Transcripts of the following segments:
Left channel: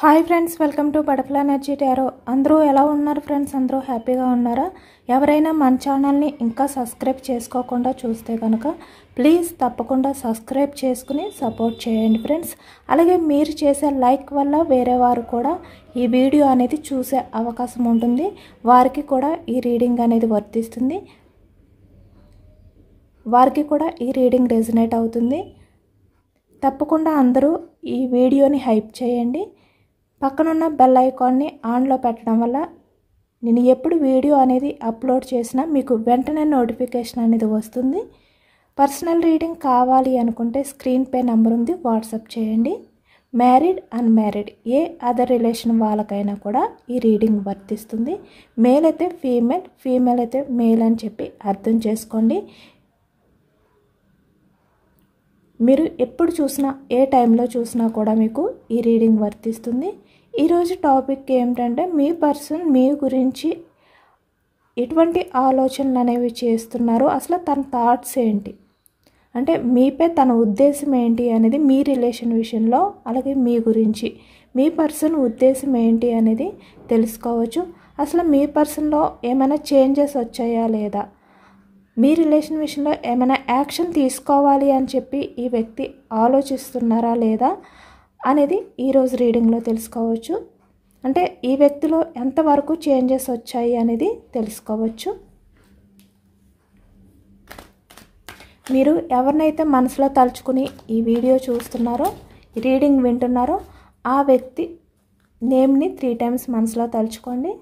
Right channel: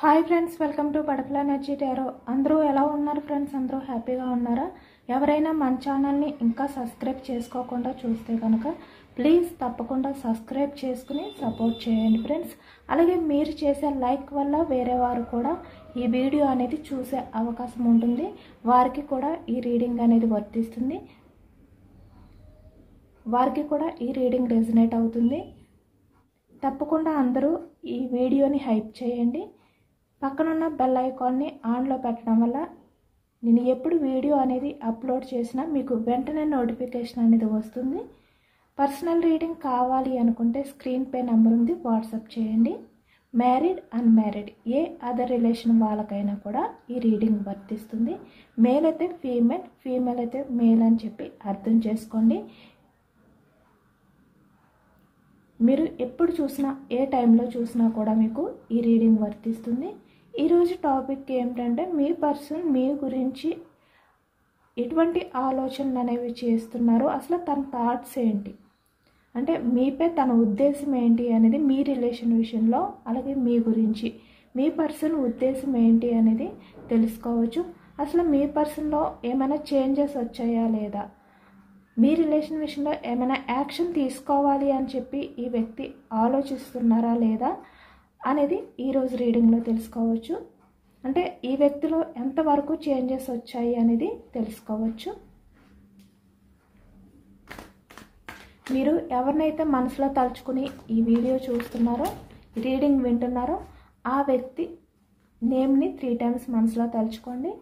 Hi friends, welcome to butterfly energy tarot. అందరూ ఎలా ఉన్నారు ఫ్రెండ్స్? అందరూ హ్యాపీగా ఉన్నారా? ఎవరైనా మన ఛానల్ని ఇంకా సబ్స్క్రైబ్ చేసుకోకుండా చూస్తే కనుక ప్లీజ్ తప్పకుండా సబ్స్క్రైబ్ చేసుకుని సపోర్ట్ చేయండి ఫ్రెండ్స్. అలాగే మీరు చేసే లైక్ వల్ల వేరే వారు కూడా ఈ వీడియో అనేది చూసే అవకాశం ఉంటుంది. వారికి కూడా ఈ రీడింగ్ అనేది వర్తిస్తుంది, వారికి కూడా ఈ రీడింగ్ రెజనేట్ అవుతుంది. తప్పకుండా అందరూ ఈ వీడియోని హైప్ చేయండి. పక్కనున్న బెల్ ఐకాన్ని ఆన్లో పెట్టడం వల్ల నేను ఎప్పుడు వీడియో అనేది అప్లోడ్ చేసినా మీకు వెంటనే నోటిఫికేషన్ అనేది వస్తుంది. పర్సనల్ రీడింగ్ కావాలి అనుకుంటే స్క్రీన్ పై నెంబర్ ఉంది, వాట్సాప్ చేయండి. మ్యారీడ్ అన్మ్యారీడ్ ఏ అదర్ రిలేషన్ వాళ్ళకైనా కూడా ఈ రీడింగ్ వర్తిస్తుంది. మేల్ అయితే ఫీమేల్, ఫీమేల్ అయితే మేల్ అని చెప్పి అర్థం చేసుకోండి. మీరు ఎప్పుడు చూసినా ఏ టైంలో చూసినా కూడా మీకు ఈ రీడింగ్ వర్తిస్తుంది. ఈరోజు టాపిక్ ఏమిటంటే మీ పర్సన్ మీ గురించి ఎటువంటి ఆలోచనలు అనేవి చేస్తున్నారు, అసలు తన థాట్స్ ఏంటి, అంటే మీపై తన ఉద్దేశం ఏంటి అనేది మీ రిలేషన్ విషయంలో, అలాగే మీ గురించి మీ పర్సన్ ఉద్దేశం ఏంటి అనేది తెలుసుకోవచ్చు. అసలు మీ పర్సన్లో ఏమైనా చేంజెస్ వచ్చాయా లేదా, మీ రిలేషన్ విషయంలో ఏమైనా యాక్షన్ తీసుకోవాలి అని చెప్పి ఈ వ్యక్తి ఆలోచిస్తున్నారా లేదా అనేది ఈరోజు రీడింగ్లో తెలుసుకోవచ్చు. అంటే ఈ వ్యక్తిలో ఎంతవరకు చేంజెస్ వచ్చాయి అనేది తెలుసుకోవచ్చు. మీరు ఎవరినైతే మనసులో తలుచుకుని ఈ వీడియో చూస్తున్నారో, ఈ రీడింగ్ వింటున్నారో, ఆ వ్యక్తి నేమ్ని 3 టైమ్స్ మనసులో తలుచుకోండి.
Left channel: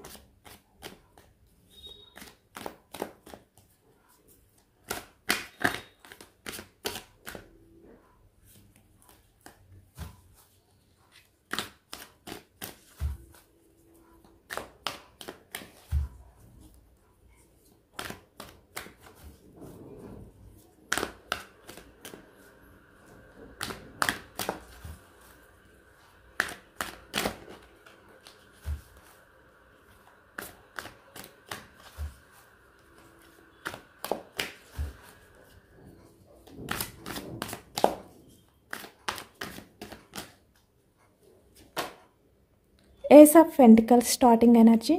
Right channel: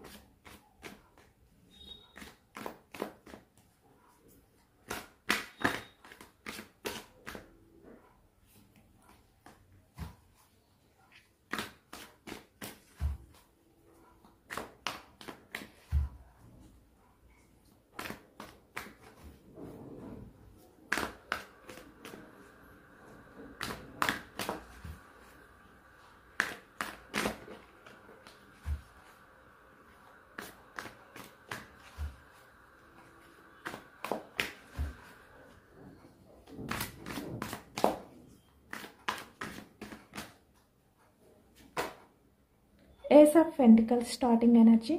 Ace of pentacles starting energy,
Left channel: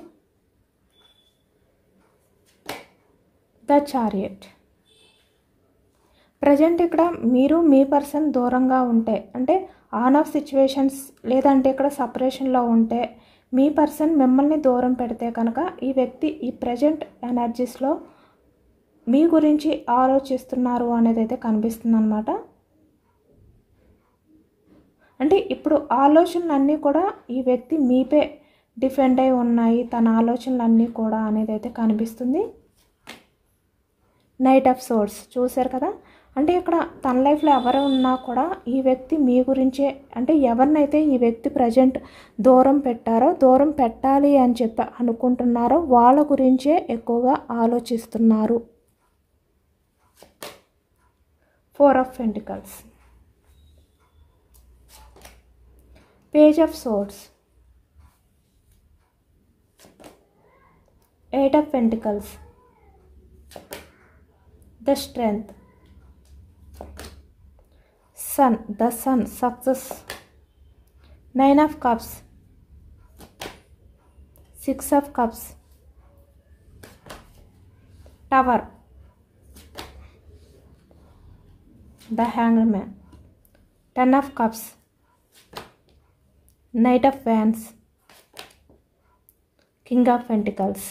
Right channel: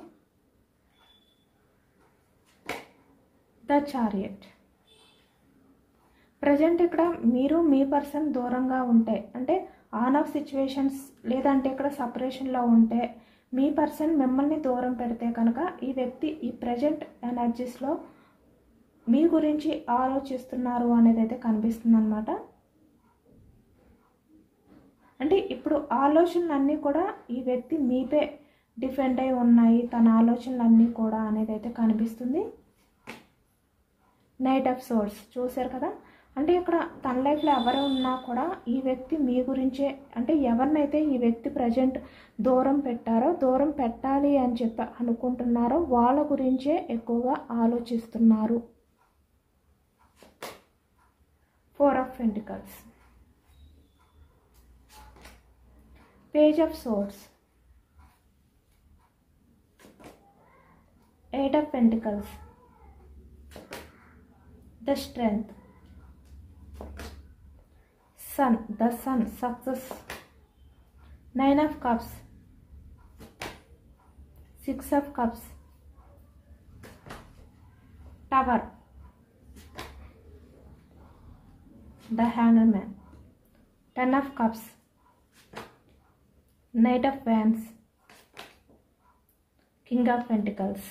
the chariot. Present ఇక్కడ మీరు మీ పర్సన్ దూరంగా ఉంటే, అంటే ఆన్ ఆఫ్ సిచ్యువేషన్స్ లేదంటే ఇక్కడ సపరేషన్లో ఉంటే, మీ పర్సన్ మిమ్మల్ని దూరం పెడితే కనుక ఈ వ్యక్తి ఈ ప్రజెంట్ ఎనర్జీస్లో మీ గురించి ఆలోచిస్తున్నారు అనేది అయితే కనిపిస్తుంది అన్నమాట. అంటే ఇప్పుడు ఆలోచనలన్నీ కూడా ఈ వ్యక్తి మీపై డిపెండ్ అయి ఉన్నాయి, తన ఆలోచనలన్నీ కూడా అనేది అయితే కనిపిస్తుంది. నైట్ ఆఫ్ సోర్స్ చూశారు కదా. అంటే ఇక్కడ తన లైఫ్లో ఎవరు ఉన్నా కూడా ఈ వ్యక్తి మీ గురించే, అంటే ఎవరినైతే ఈ వ్యక్తి ప్రజెంట్ దూరం పెట్టారో, దూరం పెట్టాలి అని చెప్పి అనుకుంటున్నారో వాళ్ళ గురించే ఎక్కువగా ఆలోచిస్తున్నారు. 4 of pentacles, page of swords, 8 of pentacles, the strength, sun, the sun, success, 9 of cups, 6 of cups, tower, the hanger man, 10 of cups, Knight of Wands, King of Pentacles,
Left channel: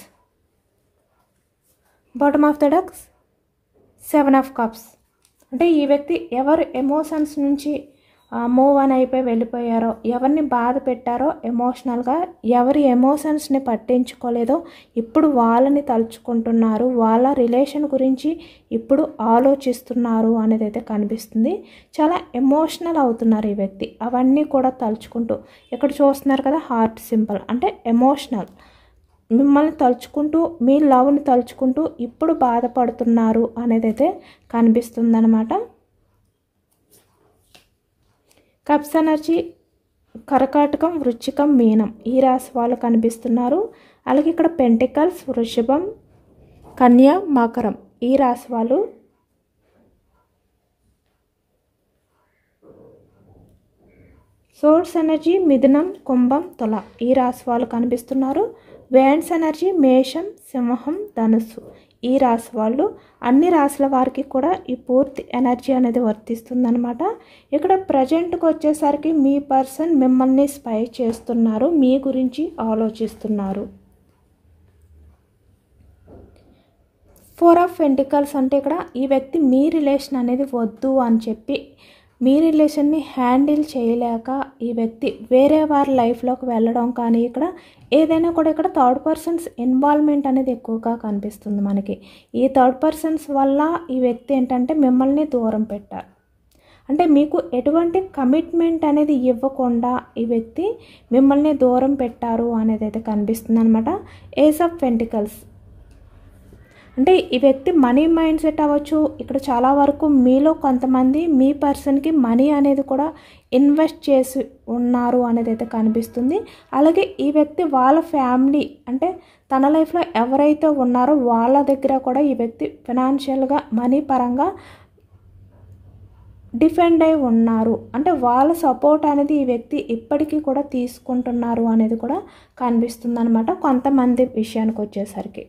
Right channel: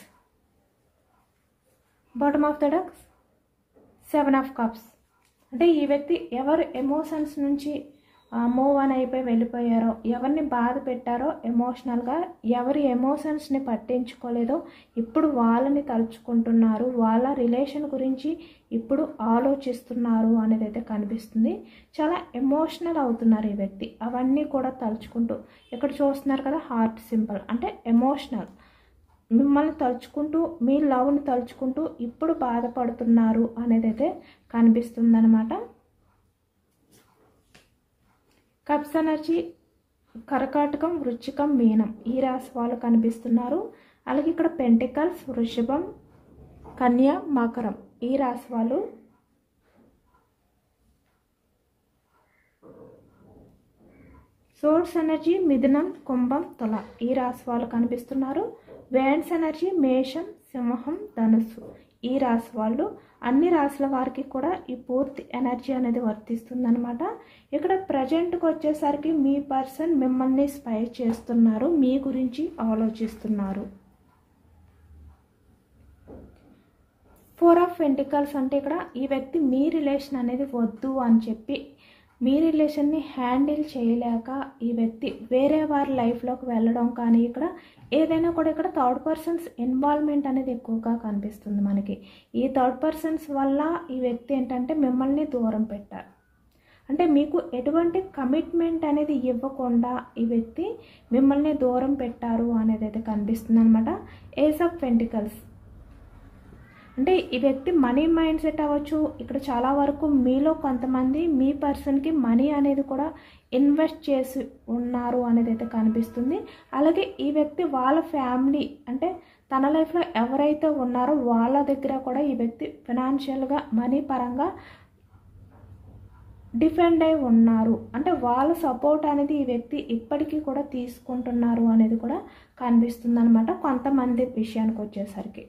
bottom of the deck 7 of Cups. అంటే ఈ వ్యక్తి ఎవరు emotions నుంచి move అని అయిపోయి వెళ్ళిపోయారో, ఎవరిని బాధ పెట్టారో ఎమోషనల్గా, ఎవరి ఎమోషన్స్ని పట్టించుకోలేదో ఇప్పుడు వాళ్ళని తలుచుకుంటున్నారు, వాళ్ళ రిలేషన్ గురించి ఇప్పుడు ఆలోచిస్తున్నారు అనేది అయితే కనిపిస్తుంది. చాలా ఎమోషనల్ అవుతున్నారు ఈ వ్యక్తి, అవన్నీ కూడా తలుచుకుంటూ. ఇక్కడ చూస్తున్నారు కదా హార్ట్ సింబల్, అంటే ఎమోషనల్, మిమ్మల్ని తలుచుకుంటూ, మీ లవ్ని తలుచుకుంటూ ఇప్పుడు బాధపడుతున్నారు అనేది అయితే కనిపిస్తుంది అన్నమాట. కప్స్ ఎనర్జీ కర్కాటకం, వృశ్చికం, మీనం ఈ రాశి వాళ్ళు కనిపిస్తున్నారు. అలాగే ఇక్కడ పెంటికల్స్, వృషభం, కన్య, మకరం ఈ రాశి వాళ్ళు. సోర్స్ ఎనర్జీ మిథునం, కుంభం, తుల ఈ రాశి వాళ్ళు కనిపిస్తున్నారు. వేన్స్ ఎనర్జీ మేషం, సింహం, ధనుస్సు ఈ రాశి వాళ్ళు. అన్ని రాశుల వారికి కూడా ఈ పూర్తి ఎనర్జీ అనేది వర్తిస్తుందన్నమాట. ఇక్కడ ప్రజెంట్కి వచ్చేసరికి మీ పర్సన్ మిమ్మల్ని స్పై చేస్తున్నారు, మీ గురించి ఆలోచిస్తున్నారు. 4 ఆఫ్ పెంటికల్స్ అంటే ఇక్కడ ఈ వ్యక్తి మీ రిలేషన్ అనేది వద్దు అని చెప్పి మీ రిలేషన్ని హ్యాండిల్ చేయలేక ఈ వ్యక్తి వేరే వారి లైఫ్లోకి వెళ్ళడం కానీ ఇక్కడ ఏదైనా కూడా ఇక్కడ థర్డ్ పర్సన్స్ ఇన్వాల్వ్మెంట్ అనేది ఎక్కువగా కనిపిస్తుంది మనకి. ఈ థర్డ్ పర్సన్స్ వల్ల ఈ వ్యక్తి ఏంటంటే మిమ్మల్ని దూరం పెట్టారు. అంటే మీకు ఎటువంటి కమిట్మెంట్ అనేది ఇవ్వకుండా ఈ వ్యక్తి మిమ్మల్ని దూరం పెట్టారు అనేది అయితే కనిపిస్తుంది అనమాట. ఏస్ ఆఫ్ పెంటికల్స్ అంటే ఈ వ్యక్తి మనీ మైండ్ సెట్ అవ్వచ్చు. ఇక్కడ చాలా వరకు మీలో కొంతమంది మీ పర్సన్కి మనీ అనేది కూడా ఇన్వెస్ట్ చేసి ఉన్నారు అనేది అయితే కనిపిస్తుంది. అలాగే ఈ వ్యక్తి వాళ్ళ ఫ్యామిలీ అంటే తన లైఫ్లో ఎవరైతే ఉన్నారో వాళ్ళ దగ్గర కూడా ఈ వ్యక్తి ఫినాన్షియల్గా మనీ పరంగా డిఫెండ్ అయి ఉన్నారు. అంటే వాళ్ళ సపోర్ట్ అనేది ఈ వ్యక్తి ఇప్పటికీ కూడా తీసుకుంటున్నారు అనేది కూడా కనిపిస్తుంది అనమాట కొంతమంది విషయానికి వచ్చేసరికి.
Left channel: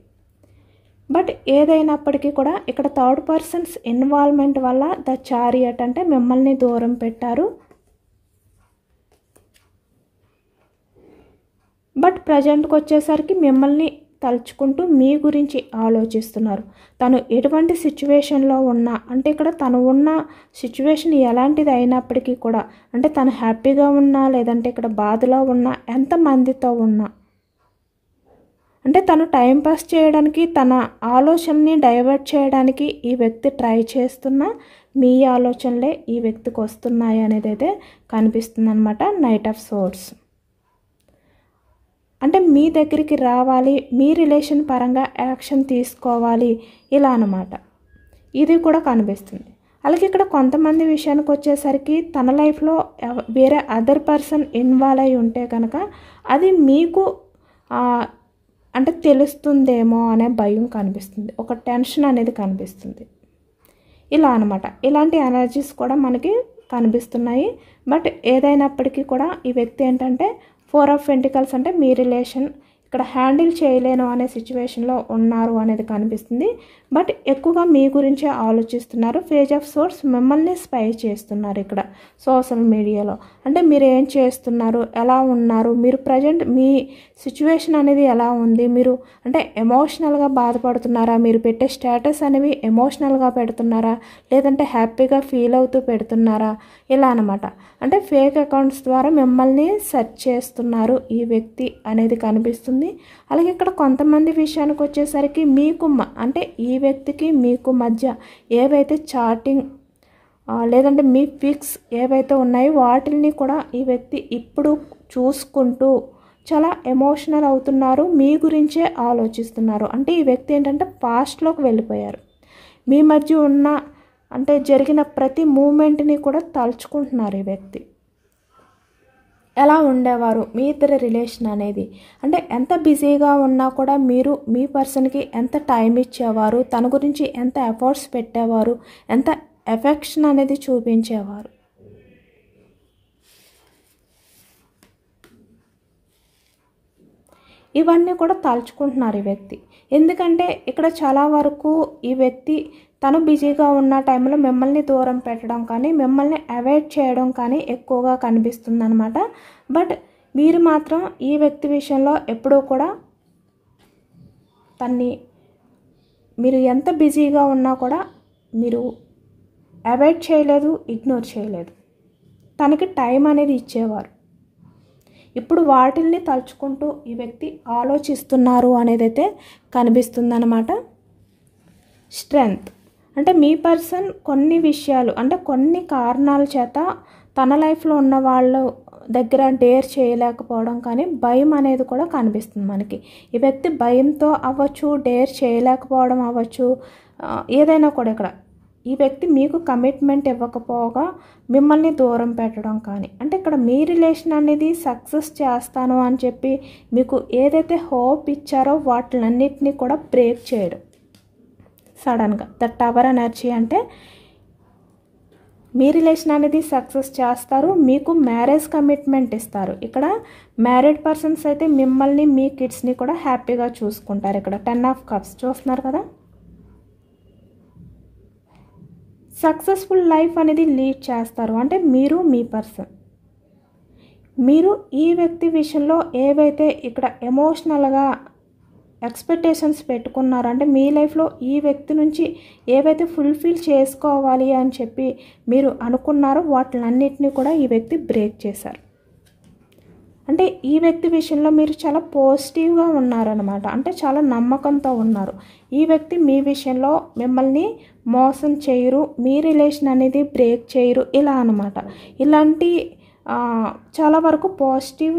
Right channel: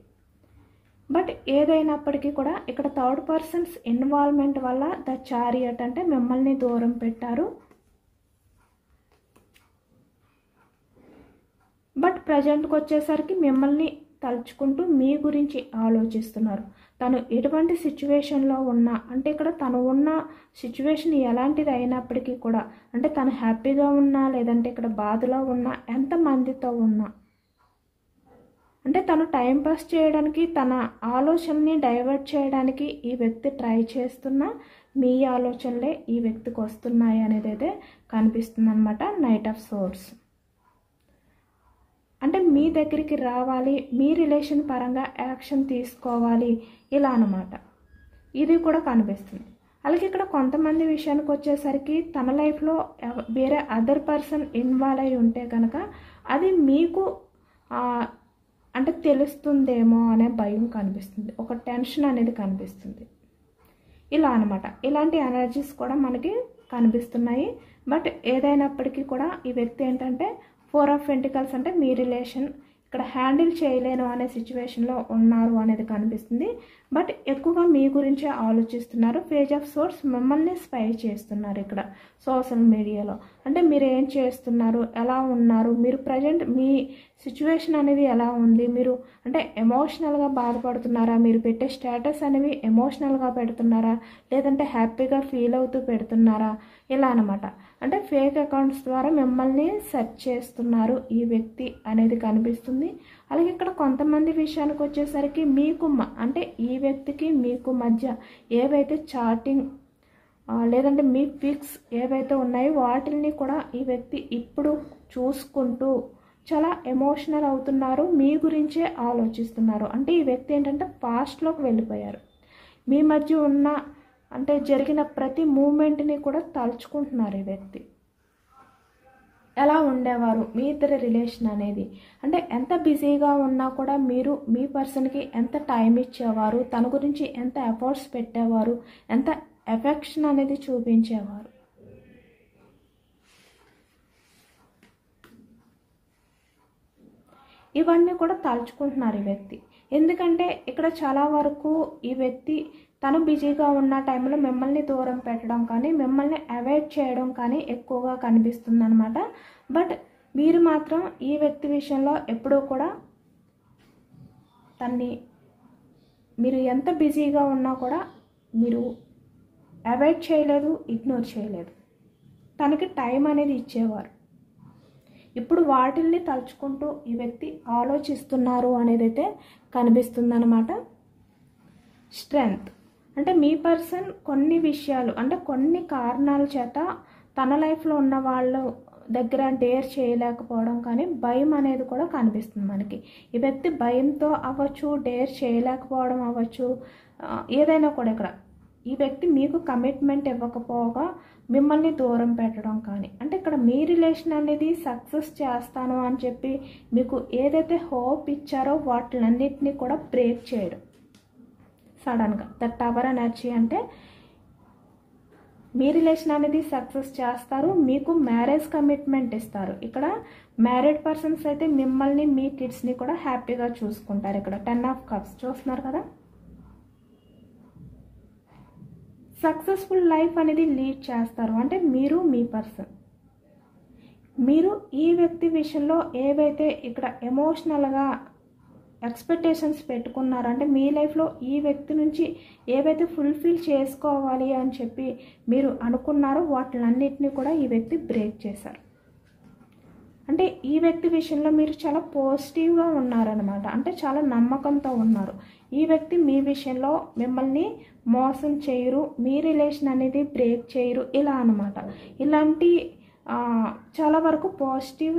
బట్ ఏదైనప్పటికీ కూడా ఇక్కడ థర్డ్ పర్సన్స్ ఇన్వాల్వ్మెంట్ వల్ల ద చారియట్ అంటే మిమ్మల్ని దూరం పెట్టారు. బట్ ప్రజెంట్కి వచ్చేసరికి మిమ్మల్ని తలుచుకుంటూ మీ గురించి ఆలోచిస్తున్నారు. తను ఎటువంటి సిచ్యువేషన్లో ఉన్నా అంటే ఇక్కడ తను ఉన్న సిచ్యువేషన్ ఎలాంటిది అయినప్పటికీ కూడా అంటే తను హ్యాపీగా ఉన్నా లేదంటే ఇక్కడ బాధలో ఉన్నా ఎంతమందితో ఉన్నా అంటే తను టైంపాస్ చేయడానికి తన ఆలోచనని డైవర్ట్ చేయడానికి ఈ వ్యక్తి ట్రై చేస్తున్న మీ ఆలోచనలే ఈ వ్యక్తికి వస్తున్నాయి అనేది అయితే కనిపిస్తుంది అనమాట. నైట్ ఆఫ్ సోర్డ్స్ అంటే మీ దగ్గరికి రావాలి, మీ రిలేషన్ పరంగా యాక్షన్ తీసుకోవాలి ఇలా అన్నమాట. ఇది కూడా కనిపిస్తుంది. అలాగే ఇక్కడ కొంతమంది విషయానికి వచ్చేసరికి తన లైఫ్లో వేరే అదర్ పర్సన్ ఇన్వాల్వ్ అయి ఉంటే కనుక అది మీకు అంటే తెలుస్తుందేమో అనే భయం కనిపిస్తుంది, ఒక టెన్షన్ అనేది కనిపిస్తుంది ఇలా అనమాట. ఇలాంటి ఎనర్జీస్ కూడా మనకి కనిపిస్తున్నాయి. బట్ ఏదైనప్పటికీ కూడా ఈ వ్యక్తి ఏంటంటే 4 ఆఫ్ పెంటికల్స్ అంటే మీ రిలేషన్ ఇక్కడ హ్యాండిల్ చేయలేను అనే సిచ్యువేషన్లో ఉన్నారు అనేది కనిపిస్తుంది. బట్ ఎక్కువగా మీ గురించే ఆలోచిస్తున్నారు. పేజ్ ఆఫ్ సోర్స్ మిమ్మల్ని స్పై చేస్తున్నారు ఇక్కడ సోషల్ మీడియాలో. అంటే మీరు ఏం చేస్తున్నారు, ఎలా ఉన్నారు, మీరు ప్రజెంట్ మీ సిచ్యువేషన్ అనేది ఎలా ఉంది, మీరు అంటే ఎమోషనల్గా బాధపడుతున్నారా, మీరు పెట్టే స్టేటస్ అనేవి ఎమోషనల్గా పెడుతున్నారా లేదంటే హ్యాపీగా ఫీల్ అవుతూ పెడుతున్నారా ఇలా అనమాట. అంటే ఫేక్ అకౌంట్స్ ద్వారా మిమ్మల్ని సెర్చ్ చేస్తున్నారు ఈ వ్యక్తి అనేది కనిపిస్తుంది. అలాగే ఇక్కడ కొంతమంది విషయానికి వచ్చేసరికి మీకు అంటే ఈ వ్యక్తికి మీకు మధ్య ఏవైతే చాటింగ్ లేదంటే మీ పిక్స్ ఏవైతే ఉన్నాయో వాటిని కూడా ఈ వ్యక్తి ఇప్పుడు చూసుకుంటూ చాలా ఎమోషనల్ అవుతున్నారు, మీ గురించే ఆలోచిస్తున్నారు. అంటే ఈ వ్యక్తి ఏంటంటే పాస్ట్లోకి వెళ్ళిపోయారు. మీ మధ్య ఉన్న అంటే జరిగిన ప్రతి మూమెంట్ని కూడా తలుచుకుంటున్నారు ఈ వ్యక్తి. ఎలా ఉండేవారు మీ ఇద్దరి రిలేషన్ అనేది, అంటే ఎంత బిజీగా ఉన్నా కూడా మీరు మీ పర్సన్కి ఎంత టైం ఇచ్చేవారు, తన గురించి ఎంత ఎఫర్ట్స్ పెట్టేవారు, ఎంత ఎఫెక్షన్ అనేది చూపించేవారు. ఇవన్నీ కూడా తలుచుకుంటున్నారు ఈ వ్యక్తి. ఎందుకంటే ఇక్కడ చాలా వరకు ఈ వ్యక్తి తను బిజీగా ఉన్న టైంలో మిమ్మల్ని దూరం పెట్టడం కానీ మిమ్మల్ని అవాయిడ్ చేయడం కానీ ఎక్కువగా కనిపిస్తుంది అనమాట. బట్ మీరు మాత్రం ఈ వ్యక్తి విషయంలో ఎప్పుడూ కూడా తన్ని మీరు ఎంత బిజీగా ఉన్నా కూడా మీరు అవాయిడ్ చేయలేదు, ఇగ్నోర్ చేయలేదు, తనకి టైం అనేది ఇచ్చేవారు. ఇప్పుడు వాటిల్ని తలుచుకుంటూ ఈ వ్యక్తి ఆలోచిస్తున్నారు అనేది అయితే కనిపిస్తుందన్నమాట. స్ట్రెంగ్త్ అంటే మీ పర్సన్ కొన్ని విషయాలు అంటే కొన్ని కారణాల చేత తన లైఫ్లో ఉన్న వాళ్ళ దగ్గర డేర్ చేయలేకపోవడం కానీ భయం అనేది కూడా కనిపిస్తుంది మనకి. ఈ వ్యక్తి భయంతో అవ్వచ్చు, డేర్ చేయలేకపోవడం అవ్వచ్చు, ఏదైనా కూడా ఇక్కడ ఈ వ్యక్తి మీకు కమిట్మెంట్ ఇవ్వకపోగా మిమ్మల్ని దూరం పెట్టడం కానీ అంటే ఇక్కడ మీ రిలేషన్ అనేది సక్సెస్ చేస్తాను అని చెప్పి మీకు ఏదైతే హోప్ ఇచ్చారో వాటిలన్నిటినీ కూడా బ్రేక్ చేయడం సడన్గా. ద టవర్ ఎనర్జీ అంటే మీ రిలేషన్ అనేది సక్సెస్ చేస్తారు, మీకు మ్యారేజ్ కమిట్మెంట్ ఇస్తారు. ఇక్కడ మ్యారీడ్ పర్సన్స్ అయితే మిమ్మల్ని మీ కిడ్స్ని కూడా హ్యాపీగా చూసుకుంటారు. ఇక్కడ 10 ఆఫ్ కప్స్ చూస్తున్నారు కదా. సక్సెస్ఫుల్ లైఫ్ అనేది లీడ్ చేస్తారు. అంటే మీరు మీ పర్సన్, మీరు ఈ వ్యక్తి విషయంలో ఏవైతే ఇక్కడ ఎమోషనల్గా ఎక్స్పెక్టేషన్స్ పెట్టుకున్నారు, అంటే మీ లైఫ్లో ఈ వ్యక్తి నుంచి ఏవైతే ఫుల్ఫిల్ చేసుకోవాలి అని చెప్పి మీరు అనుకున్నారో వాటిలన్నిటిని కూడా ఈ వ్యక్తి బ్రేక్ చేశారు. అంటే ఈ వ్యక్తి విషయంలో మీరు చాలా పాజిటివ్గా ఉన్నారనమాట. అంటే చాలా నమ్మకంతో ఉన్నారు. ఈ వ్యక్తి మీ విషయంలో మిమ్మల్ని మోసం చేయరు, మీ రిలేషన్ అనేది బ్రేక్ చేయరు, ఇలా అనమాట. ఇలాంటి చాలా వరకు పాజిటివ్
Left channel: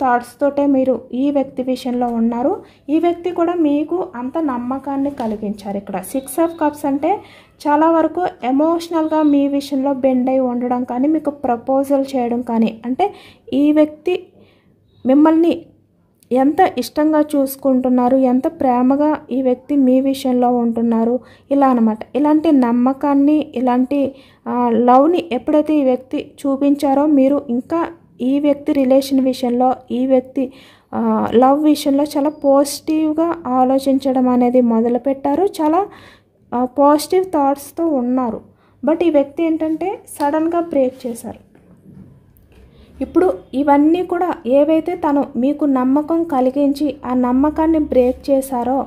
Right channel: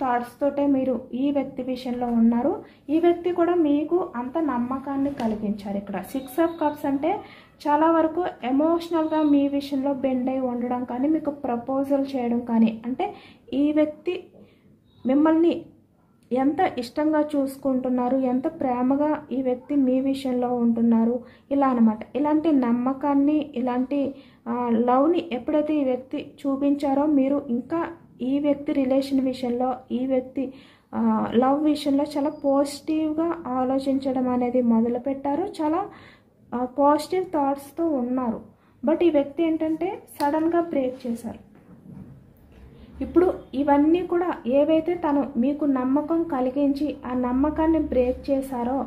థాట్స్ తోటే మీరు ఈ వ్యక్తి విషయంలో ఉన్నారు. ఈ వ్యక్తి కూడా మీకు అంత నమ్మకాన్ని కలిగించారు. ఇక్కడ 6 ఆఫ్ కప్స్ అంటే చాలా వరకు ఎమోషనల్గా మీ విషయంలో బెండ్ అయి ఉండడం కానీ, మీకు ప్రపోజల్ చేయడం కానీ, అంటే ఈ వ్యక్తి మిమ్మల్ని ఎంత ఇష్టంగా చూసుకుంటున్నారు, ఎంత ప్రేమగా ఈ వ్యక్తి మీ విషయంలో ఉంటున్నారు, ఇలా అనమాట. ఇలాంటి నమ్మకాన్ని, ఇలాంటి లవ్ని ఎప్పుడైతే ఈ వ్యక్తి చూపించారో మీరు ఇంకా ఈ వ్యక్తి రిలేషన్ విషయంలో, ఈ వ్యక్తి లవ్ విషయంలో చాలా పాజిటివ్గా ఆలోచించడం అనేది మొదలుపెట్టారు. చాలా పాజిటివ్ థాట్స్తో ఉన్నారు. బట్ ఈ వ్యక్తి ఏంటంటే సడన్గా బ్రేక్ చేశారు. ఇప్పుడు ఇవన్నీ కూడా ఏవైతే తను మీకు నమ్మకం కలిగించి ఆ నమ్మకాన్ని బ్రేక్ చేశారో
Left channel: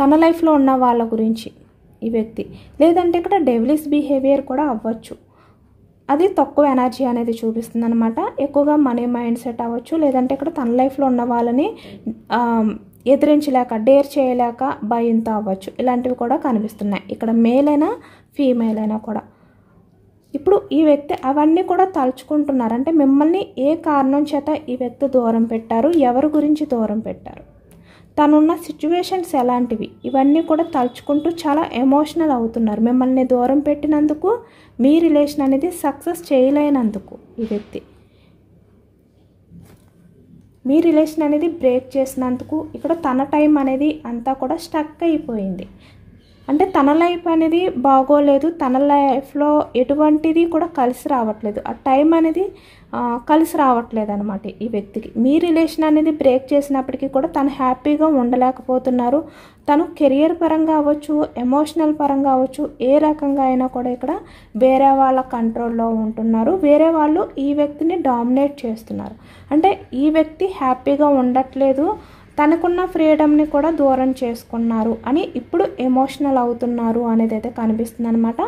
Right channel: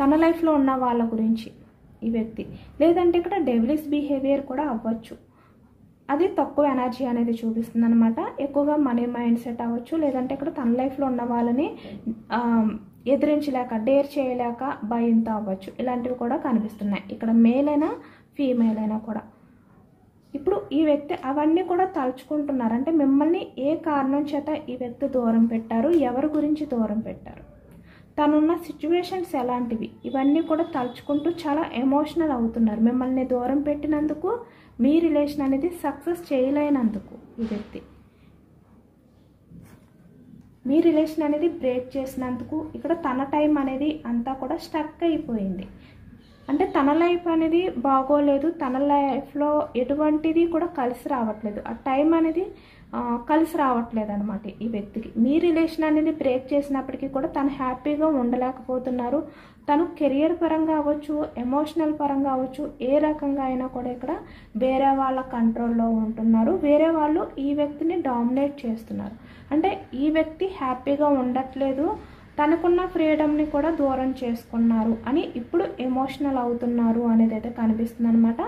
తన లైఫ్లో ఉన్న వాళ్ళ గురించి ఈ వ్యక్తి, లేదంటే ఇక్కడ డెవిలిష్ బిహేవియర్ కూడా అవ్వచ్చు. అది తక్కువ ఎనర్జీ అనేది చూపిస్తుంది అనమాట. ఎక్కువగా మనీ మైండ్ సెట్ అవ్వచ్చు, లేదంటే ఇక్కడ తన లైఫ్లో ఉన్న వాళ్ళని ఎదిరించలేక, డేర్ చేయలేక భయంతో అవ్వచ్చు. ఇలాంటివి కూడా కనిపిస్తున్నాయి. ఇక్కడ మేల్ అయినా ఫీమేల్ అయినా కూడా ఇప్పుడు ఈ వ్యక్తి అవన్నీ కూడా తలుచుకుంటున్నారు. అంటే మిమ్మల్ని ఏ కారణం చేత ఈ వ్యక్తి దూరం పెట్టారు, ఎవరి గురించి దూరం పెట్టారు, తనున్న సిచ్యువేషన్స్ ఎలాంటివి, ఇవన్నీ కూడా తలుచుకుంటూ చాలా ఎమోషనల్ అవుతున్నారు. మిమ్మల్ని దూరం పెట్టినందుకు, మీ రిలేషన్ అనేది సక్సెస్ చేయలేనందుకు, ఈ వ్యక్తి మీ రిలేషన్ అనేది బ్రేక్ చేసినందుకు ఇక్కడ తన టైం అనేది అంతా కూడా స్టక్ అయిపోయింది. అంటే తన లైఫ్ అనేది బాగోలేదు, తన లైఫ్లో ఎటువంటిది కూడా కలిసి రావట్లేదు, ఆ టైం అనేది కలిసి రావట్లేదు అనమాట ఈ వ్యక్తికి. మీ రిలేషన్ అనేది బ్రేక్ చేసినప్పటికీ కూడా తను హ్యాపీగా ఉండలేకపోతున్నారు. తను కెరియర్ పరంగా అవ్వచ్చు, ఎమోషనల్ పరంగా అవ్వచ్చు, ఏ రకంగా అయినా కూడా ఇక్కడ వేరే వాళ్ళ కంట్రోల్లో ఉంటున్నారు. వేరే వాళ్ళు ఈ వ్యక్తిని డామినేట్ చేస్తున్నారు. అంటే ఈ వ్యక్తి హ్యాపీగా ఉండట్లేదు, తనకున్న ఫ్రీడమ్ని కూడా దూరం చేసుకున్నారు అని ఇప్పుడు ఎమోషనల్ అవుతున్నారు అనేది అయితే కనిపిస్తుంది అనమాట.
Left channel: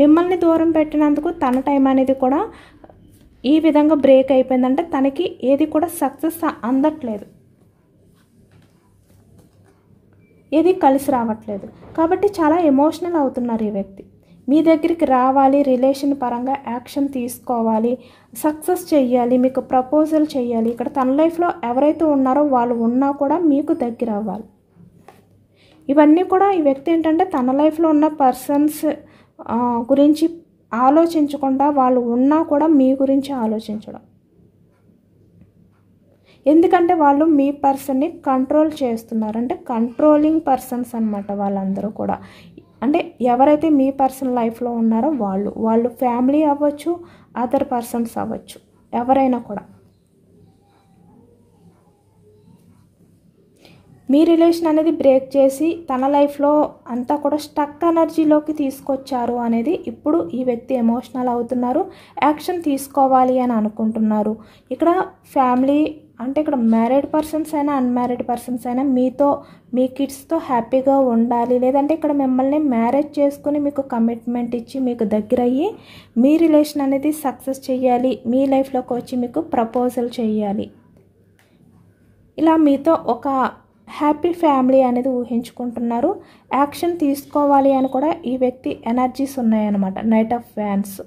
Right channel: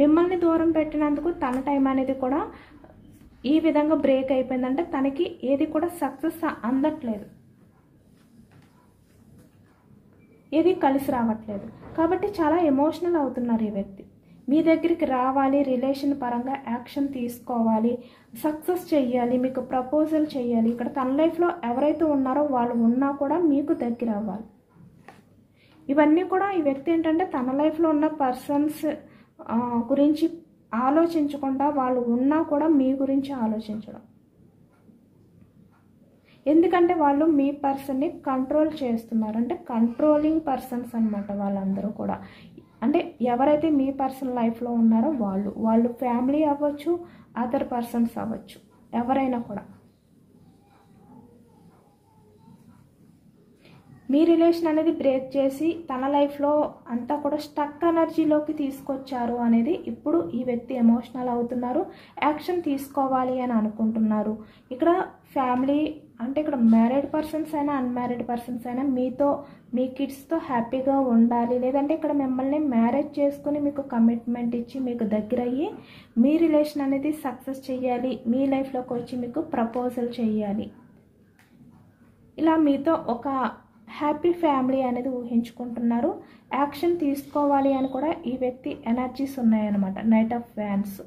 మిమ్మల్ని దూరం పెట్టినందుకు తన టైం అనేది కూడా ఈ విధంగా బ్రేక్ అయిపోయిందంటే తనకి ఏది కూడా సక్సెస్ అందట్లేదు, ఏది కలిసి రావట్లేదు. కాబట్టి చాలా ఎమోషనల్ అవుతున్నారు ఈ వ్యక్తి. మీ దగ్గరికి రావాలి, రిలేషన్ పరంగా యాక్షన్ తీసుకోవాలి, సక్సెస్ చెయ్యాలి, మీకు ప్రపోజల్ చేయాలి. ఇక్కడ తన లైఫ్లో ఎవరైతే ఉన్నారో వాళ్ళు ఉన్నా కూడా మీకు దగ్గర అవ్వాలి. ఇవన్నీ కూడా ఈ వ్యక్తి ఏంటంటే తన లైఫ్లో ఉన్న పర్సన్స్ గురించి ఆలోచించకుండా వాళ్ళు ఉన్నా కూడా మీ గురించి ఆలోచించడం. ఎందుకంటే వాళ్ళు మీ పర్సన్ని కంట్రోల్ చేస్తున్నారు. అంటే కంట్రోలింగ్ పర్సన్స్ అనమాట వాళ్ళందరూ కూడా. అంటే ఎవరైతే మీ పర్సన్ లైఫ్లో ఉన్నారో వాళ్ళు ఫ్యామిలీ అవ్వచ్చు, అదర్ పర్సన్స్ అవ్వచ్చు, ఎవరైనా కూడా మీ రిలేషన్ అనేది బ్రేక్ చేసి తన లైఫ్లో అంతా కూడా స్టక్ ఎనర్జీలోకి తీసుకొచ్చారు అనేది ఇప్పుడు ఈ వ్యక్తి ఎమోషనల్ అవుతున్నారు. యాక్షన్ తీసుకోవాలి అని అనుకుంటున్నారు. ఇక్కడ ఫ్యామిలీ అంటే ఇక్కడ మ్యారీడ్ పర్సన్స్ అయినా అన్మ్యారీడ్ పర్సన్స్ అయినా మీతో, మీ కిడ్స్తో హ్యాపీగా ఉండాలి, లేదంటే ఇక్కడ మిమ్మల్ని మ్యారేజ్ చేసుకుని మీకు కమిట్మెంట్ ఇచ్చి మీకు దగ్గర అయ్యి మీ రిలేషన్ అనేది సక్సెస్ చేయాలి, మీ లైఫ్లోకి వచ్చి మీకు ప్రపోజల్ చేయాలి, ఇలా మీతో ఒక హ్యాపీ ఫ్యామిలీ అనేది ఊహించుకుంటున్నారు. యాక్షన్ తీసుకోవాలి అని కూడా ఈ వ్యక్తి ఎనర్జీస్ ఉన్నాయన్నమాట, నైట్ ఆఫ్ వ్యాన్స్.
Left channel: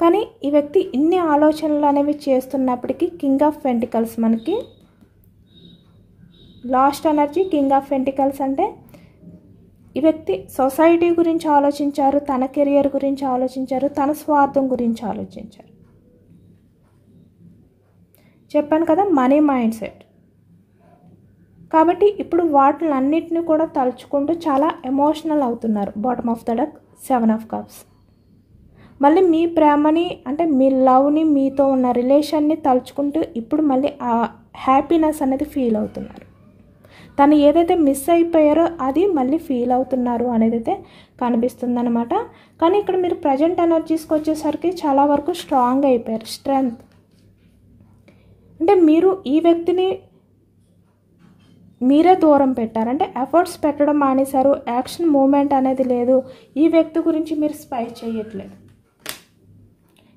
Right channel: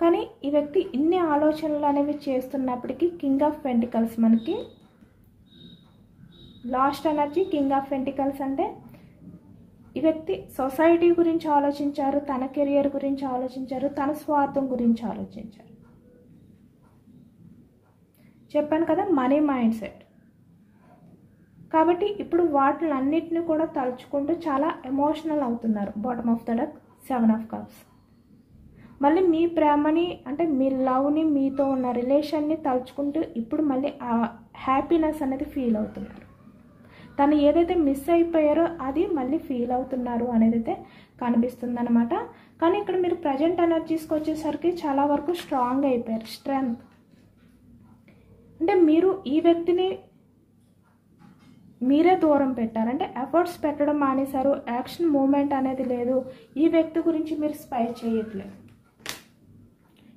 కానీ ఈ వ్యక్తి ఇన్ని ఆలోచనలు అనేవి చేస్తున్నప్పటికీ కింగ్ ఆఫ్ పెంటికల్స్, మనకి last energy king of pentacles. అంటే ఈ వ్యక్తి సొసైటీ గురించి ఆలోచించారు, తన కెరియర్ గురించి ఆలోచించారు, తన స్వార్థం గురించి ఆలోచించారు. చెప్పాను కదా, మనీ మైండ్ సెట్. కాబట్టి ఇప్పుడు వాటిలన్నిటిని కూడా తలుచుకుంటూ చాలా ఎమోషనల్ అవుతున్నారు. Bottom of the deck 7 of cups. మళ్ళీ మీ ప్రేమని అంటే మీ లవ్ని, మీతో ఉన్న రిలేషన్ని తలుచుకుంటూ ఇప్పుడు మళ్ళీ ఆ హ్యాపీనెస్ అనేది ఫీల్ అవుతున్నారు. తను ఏదైతే మిస్ అయిపోయారో అది మళ్ళీ ఫీల్ అవుతున్నారు అనేది అయితే కనిపిస్తుందన్నమాట. కానీ ఇక్కడ మీరు ప్రజెంట్ ఎనర్జీస్కి వచ్చేసరికి చాలా వరకు స్ట్రాంగ్ అయిపోయారు, స్ట్రెంగ్త్. అంటే మీరు ఈ వ్యక్తిని మీరే దూరం పెట్టారంటే ఎఫర్ట్స్ పెట్టడం మానేశారు, యాక్షన్ మూమెంట్ అనేది లేదు. ఈ వ్యక్తి గురించి మీరు స్పై చేయట్లేదు,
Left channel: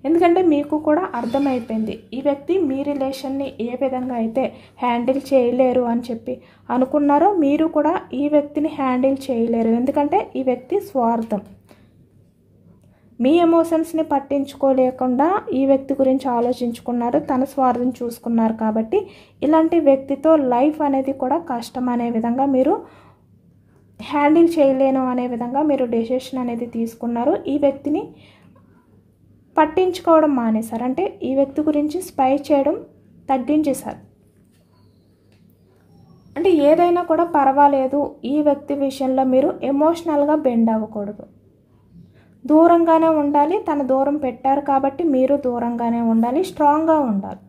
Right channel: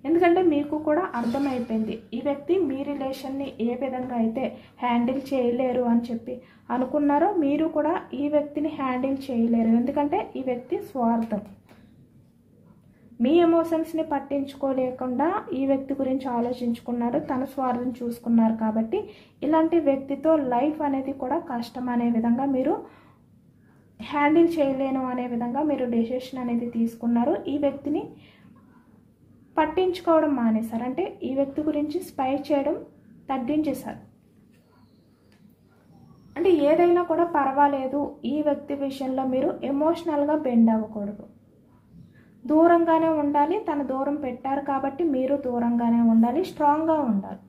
ఎందుకంటే మీకు కూడా అర్థమైపోయింది ఈ వ్యక్తి మీ రిలేషన్ని ఏ విధంగా అయితే హ్యాండిల్ చేయలేరు అని చెప్పి అనుకున్నారో మీరు కూడా ఈ వ్యక్తిని హ్యాండిల్ చేయలేరు. ఎందుకంటే ఈ వ్యక్తి స్వార్థం, మీ ఎమోషన్స్ని పట్టించుకోలేకుండా ఈ వ్యక్తి గురించి ఆలోచించుకున్నారు, తన స్వార్థం చూసుకున్నారు. కాబట్టి ఇలాంటి వ్యక్తితో లైఫ్ అనేది కూడా కష్టం అనే విధంగా మీరు హ్యాండిల్ చేయలేను అనే విధంగా మీరు డెసిషన్ అనేది తీసుకున్నారు. ఈ వ్యక్తిని పట్టించుకోవడం మానేశారు, అంటే ఈ వ్యక్తి గురించి స్పై చేయడం తగ్గించేశారు. అంటే ఏదైనా కూడా పర్వాలేదు, ఈ వ్యక్తి విషయంలో మీరు ఎమోషనల్గా బెండ్ అవ్వకూడదు, దూరంగానే ఉండాలి. తను దూరం పెట్టారు కాబట్టి మీరు దూరంగానే ఉండాలి, స్ట్రాంగ్గా ఉండాలి,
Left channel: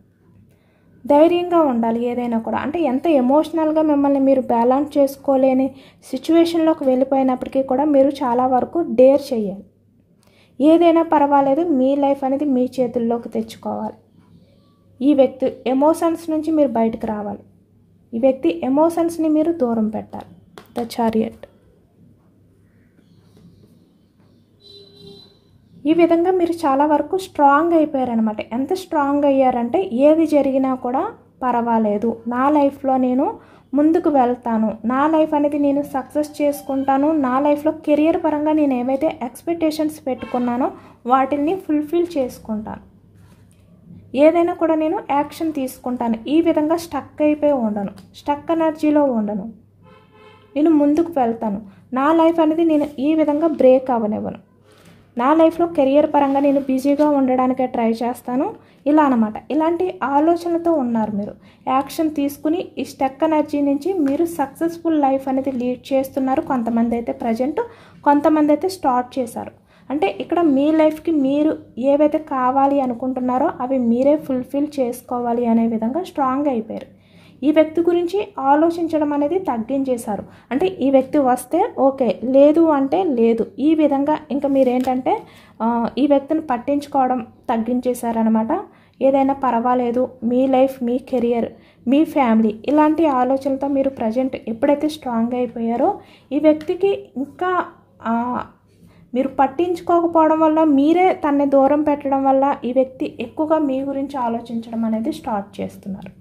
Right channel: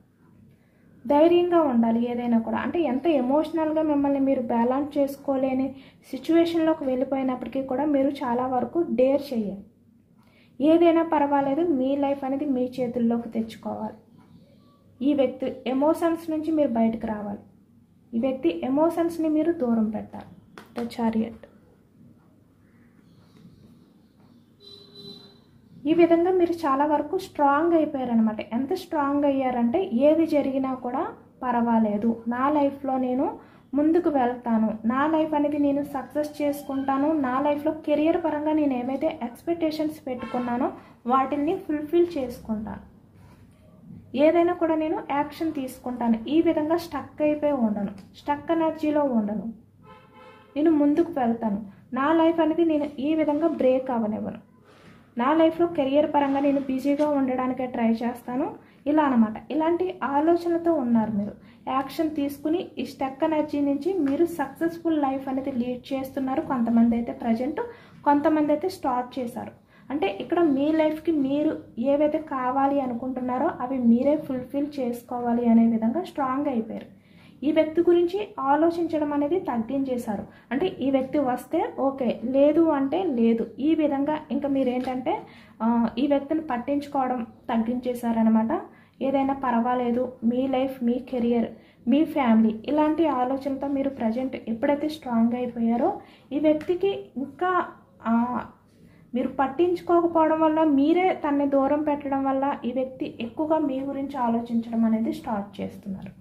ధైర్యంగా ఉండాలి. ఏదైనా కూడా అంటే ఎంత ఎమోషనల్గా మిమ్మల్ని మీరు బ్యాలెన్స్ చేసుకోలేని సిచ్యువేషన్లోకి వెళ్ళిపోయినప్పటికీ కూడా మీరు చాలా వరకు డేర్ చేయాలి. ఏదైనా పర్వాలేదు, మీ లైఫ్ అనేది మీ చేతుల్లోకి తెచ్చుకోవాలి. ఈ వ్యక్తి ఎమోషన్స్ నుంచి మీరు బయటకు రావాలి, ఈ వ్యక్తి ఎమోషన్స్ని మీరు దూరం పెట్టాలి. The chariot. ఈ విధంగా మీరు చాలా వరకు స్ట్రాంగ్ అయిపోయారనమాట. ఎంత స్ట్రాంగ్ అయ్యారంటే ఏది జరిగినా కూడా పర్వాలేదు, నా లైఫ్లో నేను ముందుకు వెళ్తాను, నా లైఫ్ అనేది నేను సక్సెస్ చేసుకుంటాను, నా లైఫ్లో కెరియర్ పరంగా నేను ఏవైతే ఎక్స్పెక్టేషన్స్ పెట్టుకున్నానో వాటిని ఫుల్ఫిల్ చేసుకుంటాను, ఏదైనా కూడా నేను యాక్షన్ తీసుకుంటాను. ఈ విధంగా స్టక్ అయిపోయి ఉండను, స్టక్ ఎనర్జీలో ఉండను, నేను ముందుకు వెళ్తాను. నా లైఫ్ అనేది నేను ఈ విధంగా బ్రేక్ అవ్వనివ్వను, నా లైఫ్లో కెరియర్ పరంగా నేను బిజీగా ఉండడానికే ట్రై చేస్తాను, ఇలా అనమాట. ఇలాంటి ఆలోచనలతో ఉన్నారు మీరు. యాక్షన్ తీసుకుని ఈ స్టక్ ఎనర్జీ నుంచి మీరు సక్సెస్ఫుల్ లైఫ్ అనేది లీడ్ చేస్తున్నారు. కొంతమంది అయితే ప్రజెంట్, కొంతమంది అయితే స్టార్ట్ చేశారు. అంటే ఇక్కడ మీ లైఫ్కి మీరు ఏవైతే కావాలి అనుకుంటున్నారో అవి మీరే ఫుల్ఫిల్ చేసుకోవాలి అనే విధంగా స్ట్రాంగ్ అయిపోయారు. ఈ వ్యక్తి గురించి ఆలోచించడం అనేది తగ్గించేశారు. అంటే ఈ వ్యక్తి వస్తే ఓకే, లేదు అంటే లేదు, ఈ విధంగా ఇంకా మీరేంటంటే ఈ వ్యక్తిని పట్టించుకోవడం తగ్గించేశారనమాట. ఏదైనా పర్వాలేదు, మీ లైఫ్, మీ కెరియర్, మీ ఫ్యామిలీ, ఇలాంటి ఆలోచనలతో మీరు ప్రజెంట్ ఎప్పుడైతే స్ట్రాంగ్ అయిపోయారో ఈ వ్యక్తికి ఇంకా మీరు పట్టించుకోకపోవడం వల్ల, మీరే తనని దూరం పెట్టడం వల్ల ఈ వ్యక్తి ఎక్కువగా మీ గురించి ఆలోచించడం అనేది స్టార్ట్ చేస్తున్నారు.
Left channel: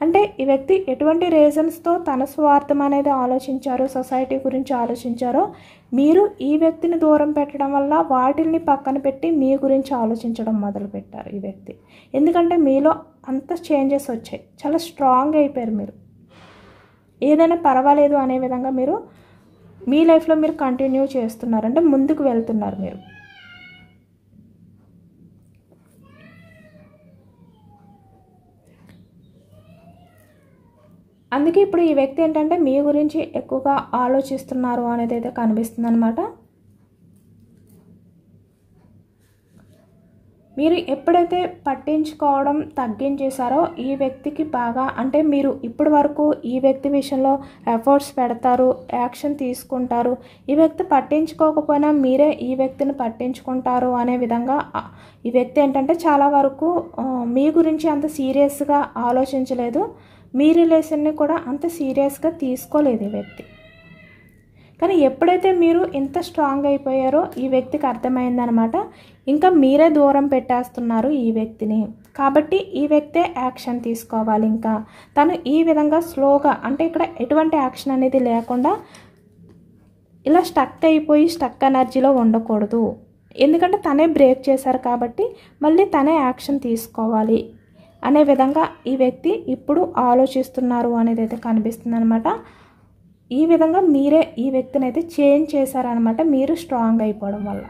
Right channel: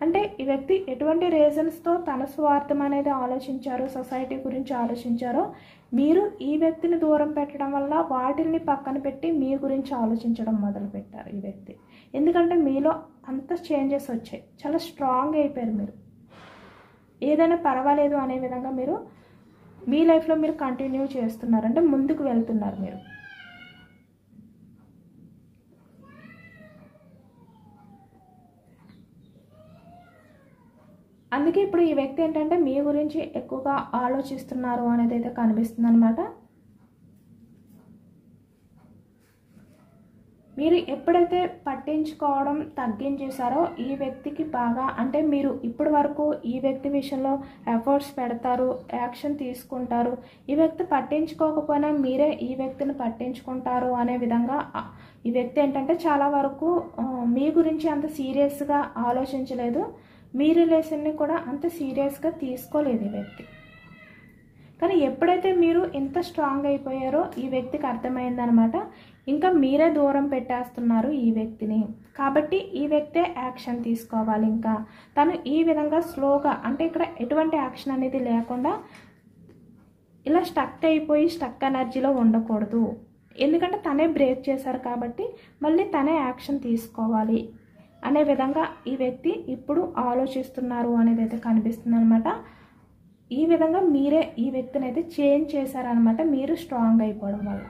అంటే ఈ వ్యక్తి ఎటువంటి రీజన్స్తో తన స్వార్థం అనేది ఆలోచించారో, సొసైటీ గురించి ఆలోచించారో, మీరు ఈ వ్యక్తిని దూరం పెట్టడం వల్ల వాటిల్ని పక్కన పెట్టి మీ గురించి ఆలోచించడం మొదలుపెట్టారు ఈ వ్యక్తి. ఎందుకంటే మీలో అంత చేంజెస్ వచ్చాయి, చాలా స్ట్రాంగ్ అయిపోయారు మీరు. ఏదైనా పర్వాలేదు అనే విధంగా మీరు మీ లైఫ్లో మీరు కంటిన్యూ చేస్తున్నారు, అంటే ముందుకు వెళ్తున్నారు మీరు. అందుకే ఇప్పుడు ఈ వ్యక్తి ఏంటంటే మీ గురించి ఎక్కువగా ఆలోచిస్తున్నారు అనేది అయితే కనిపిస్తుంది అనమాట. మీరు ఎప్పుడైతే పట్టించుకోవడం తగ్గించేశారో ఈ వ్యక్తికి బాగా, అంటే మీరు ఇప్పటి వరకు ఈ వ్యక్తి విషయంలో ఎఫర్ట్స్ పెడతారు, యాక్షన్ తీసుకుంటారు, ఈ వ్యక్తి పట్టించుకోకపోయినా మీరే ఈ వ్యక్తిని పట్టించుకుంటారు అనే విధంగా ఈ వ్యక్తి ఏంటంటే చాలా వరకు మీ గురించి అంత సీరియస్గా ఆలోచించలేదు, మీ రిలేషన్ని కూడా అంత సీరియస్గా తీసుకోలేదు ఈ వ్యక్తి. కానీ ఎప్పుడైతే మీరు ఇంత స్ట్రాంగ్ అయిపోయారో ఈ వ్యక్తికి అర్థమైందనమాట, ఇంకా మీరే దూరం పెట్టేస్తున్నారు ఈ వ్యక్తిని. కాబట్టి ఈ వ్యక్తే యాక్షన్ తీసుకోవాలి. ఇంకా తను ఈ విధంగా స్లోగా, అంటే ఇక్కడ ఎటువంటి యాక్షన్ అనేది లేకుండా ఇలా స్టక్ అయిపోయి స్టక్ ఎనర్జీలో ఉండకూడదు. ఎందుకంటే తనే బ్రేక్ చేశారు కాబట్టి మళ్ళీ తనే యాక్షన్ తీసుకోవాలి అనే విధంగా ఈ వ్యక్తి ఇప్పుడు ఆలోచిస్తున్నారు అనేది అయితే కనిపిస్తుంది అనమాట. ఈ విధంగా మీరే ఈ వ్యక్తిని అయితే చేంజ్ చేశారనమాట, మీరు స్ట్రాంగ్ అయిపోవడం వల్ల.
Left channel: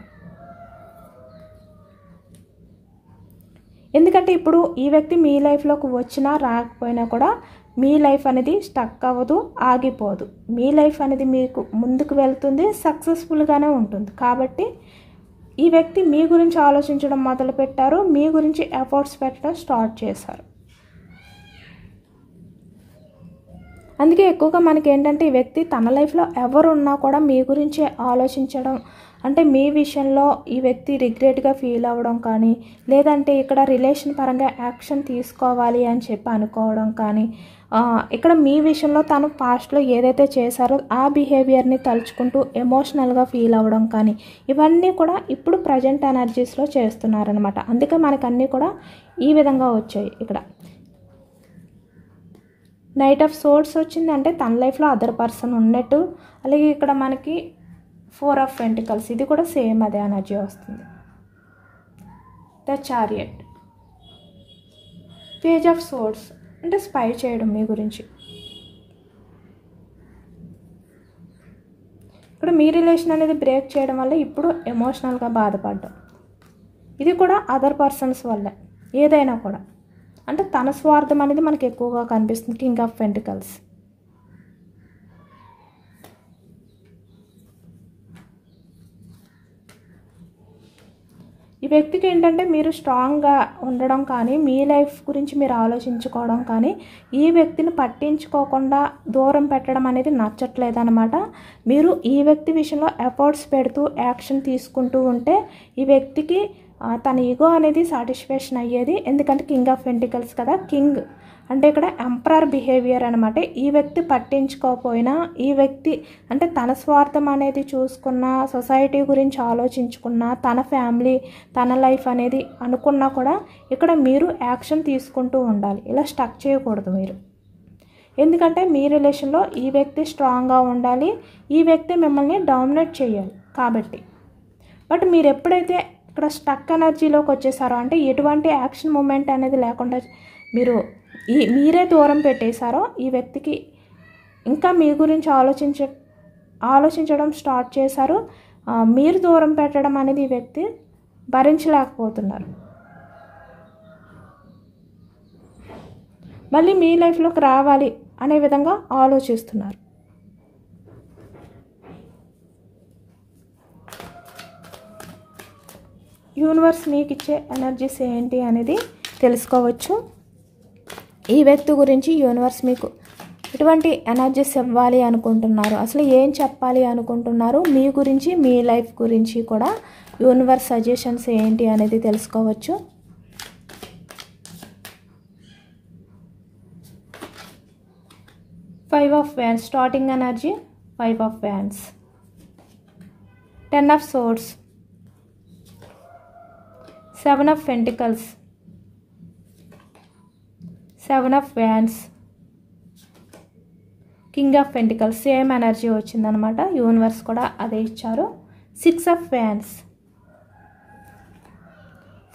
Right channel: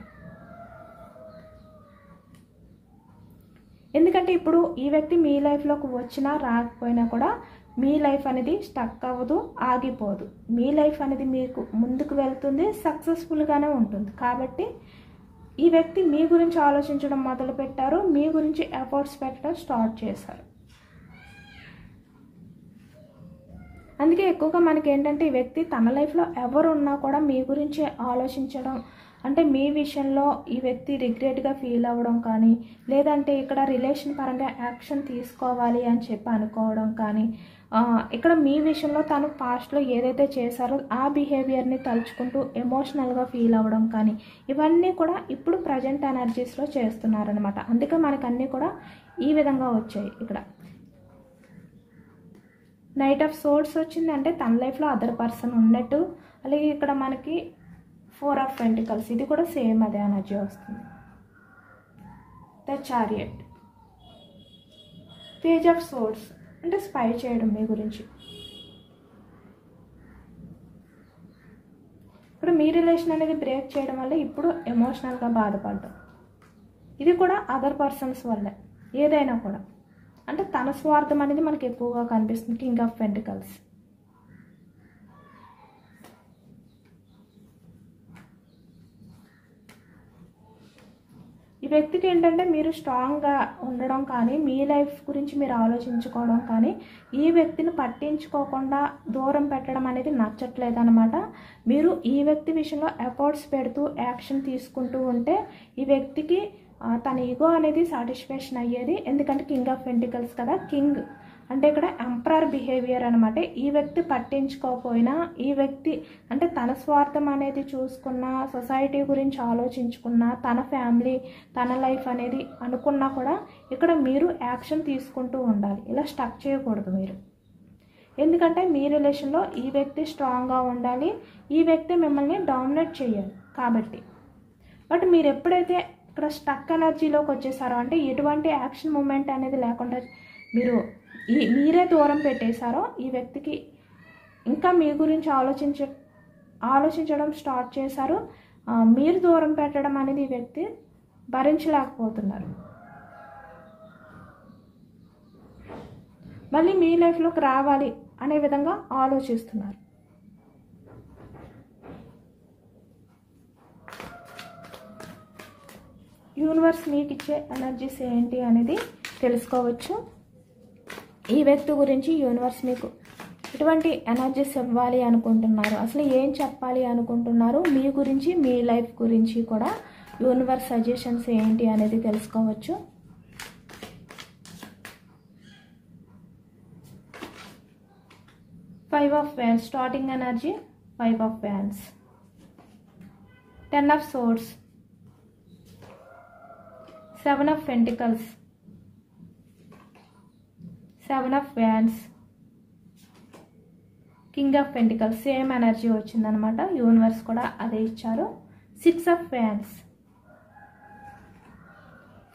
ఎందుకంటే ఇప్పుడు ఈ వ్యక్తి మీ లైఫ్లోకి వచ్చినా రాకపోయినా కూడా మీ లైఫ్ అనేది స్టక్ అవ్వదు, ఆగిపోదు. మీ లైఫ్ అనేది మీకు ముందుకు వెళ్తుంది, సక్సెస్ఫుల్గానే ఉంటుంది. కాబట్టి ఈ వ్యక్తి మీ గురించి ఆలోచించడం మొదలుపెట్టారు, మీ గురించి ఎఫర్ట్స్ పెట్టడం స్టార్ట్ చేశారు. అందుకే ఎక్కువగా మనకి ఏంటంటే ఈ వ్యక్తి తన లైఫ్లో ఎవరు ఉన్నా కూడా మీ గురించి ఆలోచించడం, అంటే మీ విషయంలో ఈ వ్యక్తి రిగ్రెట్గా ఫీల్ అవ్వడం కానీ, లేదంటే ఇక్కడ రిలేషన్ పరంగా యాక్షన్ తీసుకోవాలి అని చెప్పి అనుకోవడం కానీ, ఇక్కడ మీ విషయంలో తను పాస్ట్లో ఏదైతే చేశారో ఆ బిహేవియర్ని తలుచుకుంటూ ఎమోషనల్గా ఫీల్ అవ్వడం కానీ, ఇవన్నీ కూడా ఇప్పుడు ప్రజెంట్ ఎనర్జీస్లో చేస్తున్నారనమాట. అందుకే మనకు అన్నీ కూడా ఈ విధంగా వచ్చాయి. ఇక్కడ నైట్ ఆఫ్ సోర్స్ వచ్చింది, అంటే తన లైఫ్లో అదర్ పర్సన్ ఉన్నట్టు. అలాగే ఇక్కడ మనకి 4 ఆఫ్ పెంటికల్స్, ఇది కూడా సేమ్ అదే ఎనర్జీ వస్తుంది. The chariot, page of swords, అంటే స్పై చేయడం మీ గురించి. ఇక్కడ మీ రిలేషన్ అనేది బ్రేక్ చేయడం వల్ల ఇప్పుడు ఎమోషనల్గా బాధపడడం, ఇది కూడా అదర్ పర్సన్స్ వల్ల. ఏదైనా కూడా అంటే తన స్వార్థం అనేది మనకి ఎక్కువగా కనిపిస్తుంది. కింగ్ ఆఫ్ పెంటికల్స్, ఈ వ్యక్తికి ఏంటంటే మీరు స్ట్రాంగ్గా ఉండడం కానీ, మీ లైఫ్ గురించి మీరు ఆలోచించుకోవడం కానీ, ఈ వ్యక్తిని పట్టించుకోకుండా దూరం పెట్టడం అనేది నచ్చట్లేదన్నమాట. మీరు ఈ వ్యక్తి విషయంలో ఎఫర్ట్స్ పెడుతూ యాక్షన్ తీసుకుంటూ ఉంటే ఈ వ్యక్తికి తన ఈగో అనేది సాటిస్ఫాక్షన్ అయ్యేది. ఎందుకంటే కింగ్ ఆఫ్ పెంటికల్స్ కదా, కింగ్ అంటే ఇక్కడ ఎంపరర్ బిహేవియర్ అనమాట. ఈ వ్యక్తి పట్టించుకోకపోయినా, ఈ వ్యక్తి అంటే తన స్వార్థం అనేది చూసుకున్న, సొసైటీ గురించి ఆలోచించుకున్న, తన ఫ్యామిలీ, తన లైఫ్ అనేది అనుకున్నా కూడా ఇక్కడ మీరు యాక్షన్ తీసుకుంటూ ఉండాలి. ఇలా స్టక్ చేయకూడదు మీరు. ఎందుకంటే మీ రిలేషన్లో ఈ వ్యక్తి స్ట్రాంగ్గా ఉండాలి, ఈ వ్యక్తి మిమ్మల్ని డామినేట్ చేయాలి కాబట్టి. బట్ మీరు ఎప్పుడైతే ఇక్కడ స్టక్ ఎనర్జీలోకి వచ్చేసారో, అంటే ఎటువంటి యాక్షన్ మూమెంట్ అనేది లేకుండా మీరు మీరే దూరం పెట్టేశారో, ఈ వ్యక్తికి ఇంకా మీ గురించి ఆలోచించడం స్టార్ట్ చేశారు. మీరు దూరం పెట్టడం అనేది ఈ వ్యక్తి భరించలేకపోతున్నారు. మళ్ళీ మీ లైఫ్లోకి రావాలి అనే విధంగా ఆలోచిస్తున్నారు. యూనివర్స్ మీకు ఇచ్చే ఎనర్జీస్ ఏంటి అనేది తెలుసుకోవచ్చు. ఈ వ్యక్తి గురించి యూనివర్స్ మీకు ఎటువంటి ఎనర్జీస్ ఇవ్వాలి అనుకుంటున్నారు, అసలు ఏం చెప్పాలి అనుకుంటున్నారు, మీ గురించి, మీ లైఫ్ గురించి కూడా యూనివర్స్ సజెషన్స్ ఏంటి అనేది తెలుసుకోవచ్చు. Five of wands, starting energy 5 of wands. 10 of swords, 7 of pentacles, 7 of wands, king of pentacles. Same energy వచ్చిందనమాట, యూనివర్స్ కూడా అదే ఇచ్చారు. 6 of wands,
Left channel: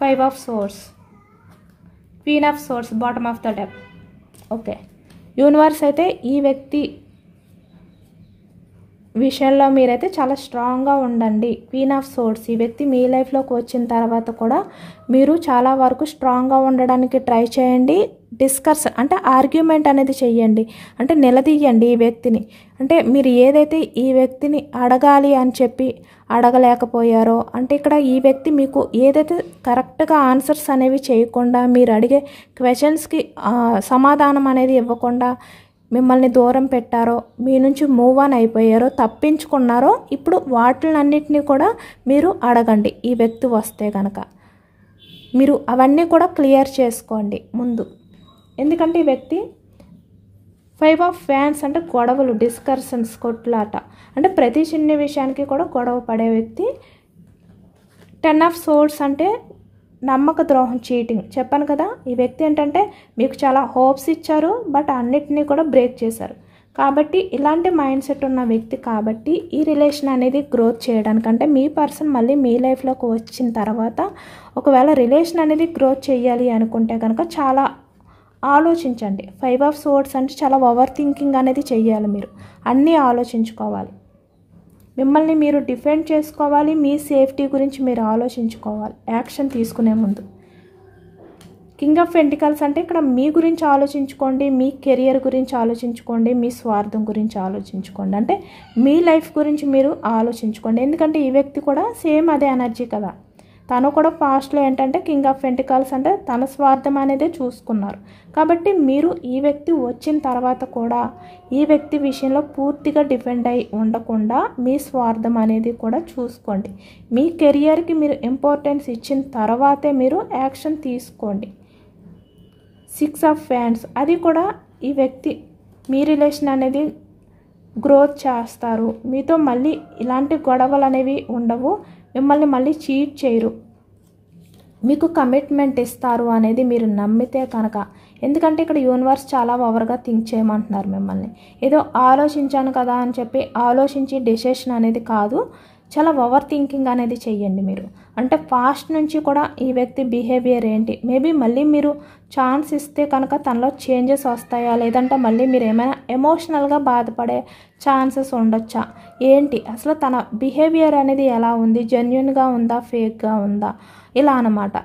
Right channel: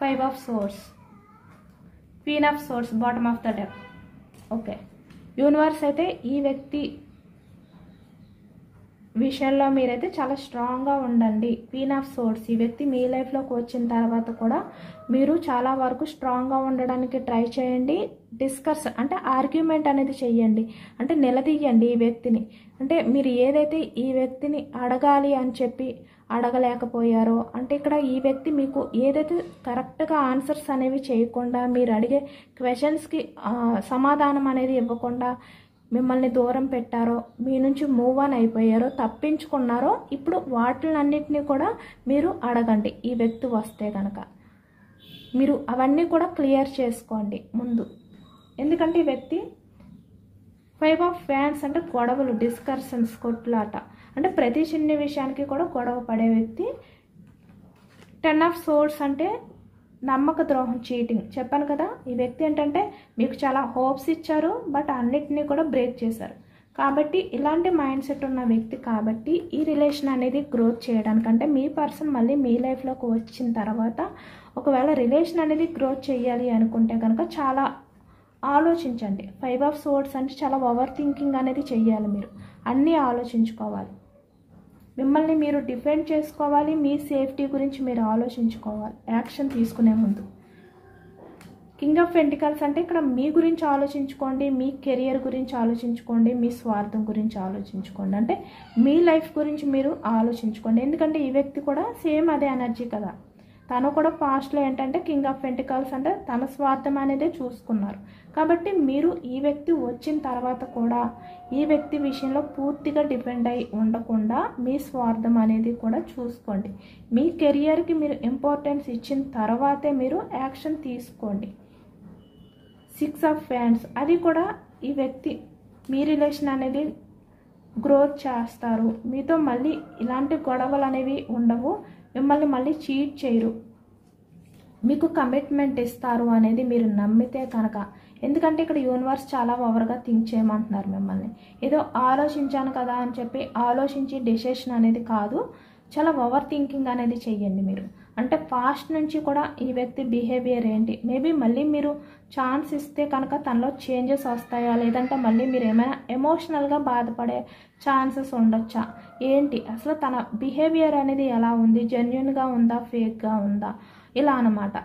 5 of swords, queen of swords, bottom of the deck. Okay, universe అయితే ఈ వ్యక్తి విషయంలో మీరైతే చాలా స్ట్రాంగ్గా ఉండండి. క్వీన్ ఆఫ్ సోర్డ్స్, ఈ వ్యక్తి మీ లైఫ్లోకి వచ్చిన తర్వాత కూడా మీరు చాలా వరకు స్ట్రాంగ్గా ఉండడానికి ట్రై చేయండి. డిస్కస్ అంటే ఆర్గ్యుమెంట్ అనేది చెయ్యండి, అంటే నిలదీయండి ఈ వ్యక్తిని. అంటే మీరు ఏదైతే ఈ వ్యక్తిని అడగాలి అని చెప్పి అడగలేకపోయారో, అంటే ఇక్కడ ఈ వ్యక్తి మీకు ఏదైతే కరెక్ట్గా ఆన్సర్స్ అనేవి చేయకుండా, మీరు అడిగే క్వశ్చన్స్కి సమాధానం అనేది ఇవ్వకుండా మిమ్మల్ని దూరం పెట్టారో, మీ నుంచి మూవ్ ఆన్ అయిపోయారో, తప్పించుకున్నారో, ఇప్పుడు వాటిలన్నింటినీ కూడా మీరు అడగండి. ఈ వ్యక్తి వస్తే కనుక మీరు అవన్నీ కూడా క్లియర్ చేసుకోండి ముందు. ఎందుకంటే ఈ వ్యక్తి 5 ఆఫ్ ఫ్యాన్స్ అంటే గొడవలు, డిస్కషన్స్, కొట్లాట, అంటే ప్రతి చిన్న విషయానికి కూడా గొడవ పడే వ్యక్తి. 10 ఆఫ్ సోర్డ్స్ అంటే నమ్మక ద్రోహం, చీటింగ్. చెప్పాను కదా, ఈ వ్యక్తి ఏంటంటే మీకు చాలా హోప్స్ ఇచ్చారు, బట్ అన్నిటినీ కూడా బ్రేక్ చేశారు. కాబట్టి ఇలాంటి మైండ్ సెట్ ఉన్న వ్యక్తి కాబట్టి ఈ రిలేషన్ అనేది గ్రోత్ చేయడానికంటే మీ పర్సన్ మళ్ళీ మీ లైఫ్లోకి వచ్చిన తర్వాత ఒకవేళ రిలేషన్ అనేది గ్రోత్ చేయాలి అనుకుంటే కనుక చాలా ఆలోచించండి. 5 ఆఫ్ సోర్డ్స్ అంటే చాలా ఓవర్ థింకింగ్ అనేది చెయ్యాలి, మీరు అన్నీ ఆలోచించుకోవాలి. మిమ్మల్ని మీరు డిఫెండ్ చేసుకోవాలి, మీ సేఫ్టీ గురించి మీరు ఆలోచించుకోవాలి యాక్షన్ తీసుకునే ముందు. కింగ్ ఆఫ్ పెంటికల్స్ అంటే ఇక్కడ మీ గురించి ఆలోచించుకోండి, మీ కెరియర్ గురించి ఆలోచించుకోండి, మీ స్వార్థం గురించి ఆలోచించుకోండి. అంటే మీ లైఫ్ గురించి మీరు ఆలోచించుకోండి. ఎందుకంటే ఈ వ్యక్తి కూడా సేమ్ అదే ఎనర్జీ కదా. తను కూడా పాస్ట్లో ఏంటంటే కింగ్ ఆఫ్ పెంటికల్స్ అంటే తన స్వార్థం అనేదే చూసుకున్నారు. కాబట్టి మీరు ఈ వ్యక్తి వచ్చిన తర్వాత కూడా ఈ వ్యక్తి విషయంలో పూర్తిగా డిపెండ్ అయి ఉండకుండా మీ స్వార్థం అనేది కూడా చూసుకోండి. మీ కెరియర్కి మీరు ఇంపార్టెన్స్ ఇచ్చిన తర్వాతే మీరు యాక్షన్ తీసుకోండి. 6 ఆఫ్ వ్యాండ్స్ అది కూడా ఈ వ్యక్తి మీ రిలేషన్ అనేది గ్రోత్ చేస్తారు. మీతో మళ్ళీ ఇలాంటి గొడవలు అనేవి ఉండవు. మిమ్మల్ని మళ్ళీ చీట్ చేయరు. మీకు కమిట్మెంట్ ఇస్తారు అనేది మీరు నమ్మితే కనుక. ఎందుకంటే ఇక్కడ యూనివర్స్ చాలా ఓవర్గా థింక్ చేయమంటున్నారు మిమ్మల్ని. ఏదో ఆలోచించాను కదా అని చెప్పి ఆలోచించి డెసిషన్ అనేది కాదు, చాలా ఓవర్ థింకింగ్ అనేది చెయ్యండి మీరు. అంటే పాస్ట్ నుంచి కూడా ఈ వ్యక్తి బిహేవియర్ ఏంటి, మేబీ మళ్ళీ మీరు ఛాన్స్ ఇస్తే కనుక తనలో చేంజెస్ వస్తాయా, లేదంటే మళ్ళీ మీరు ఏమైనా ఎమోషనల్గా బాధపడే ఛాన్సెస్ ఉండొచ్చా, ఏంటి అసలు తన బిహేవియర్ అనేది ఎలా ఉంది, జెన్యున్గా ఉందా ఫేక్గా ఉందా, ఇలా అన్నమాట.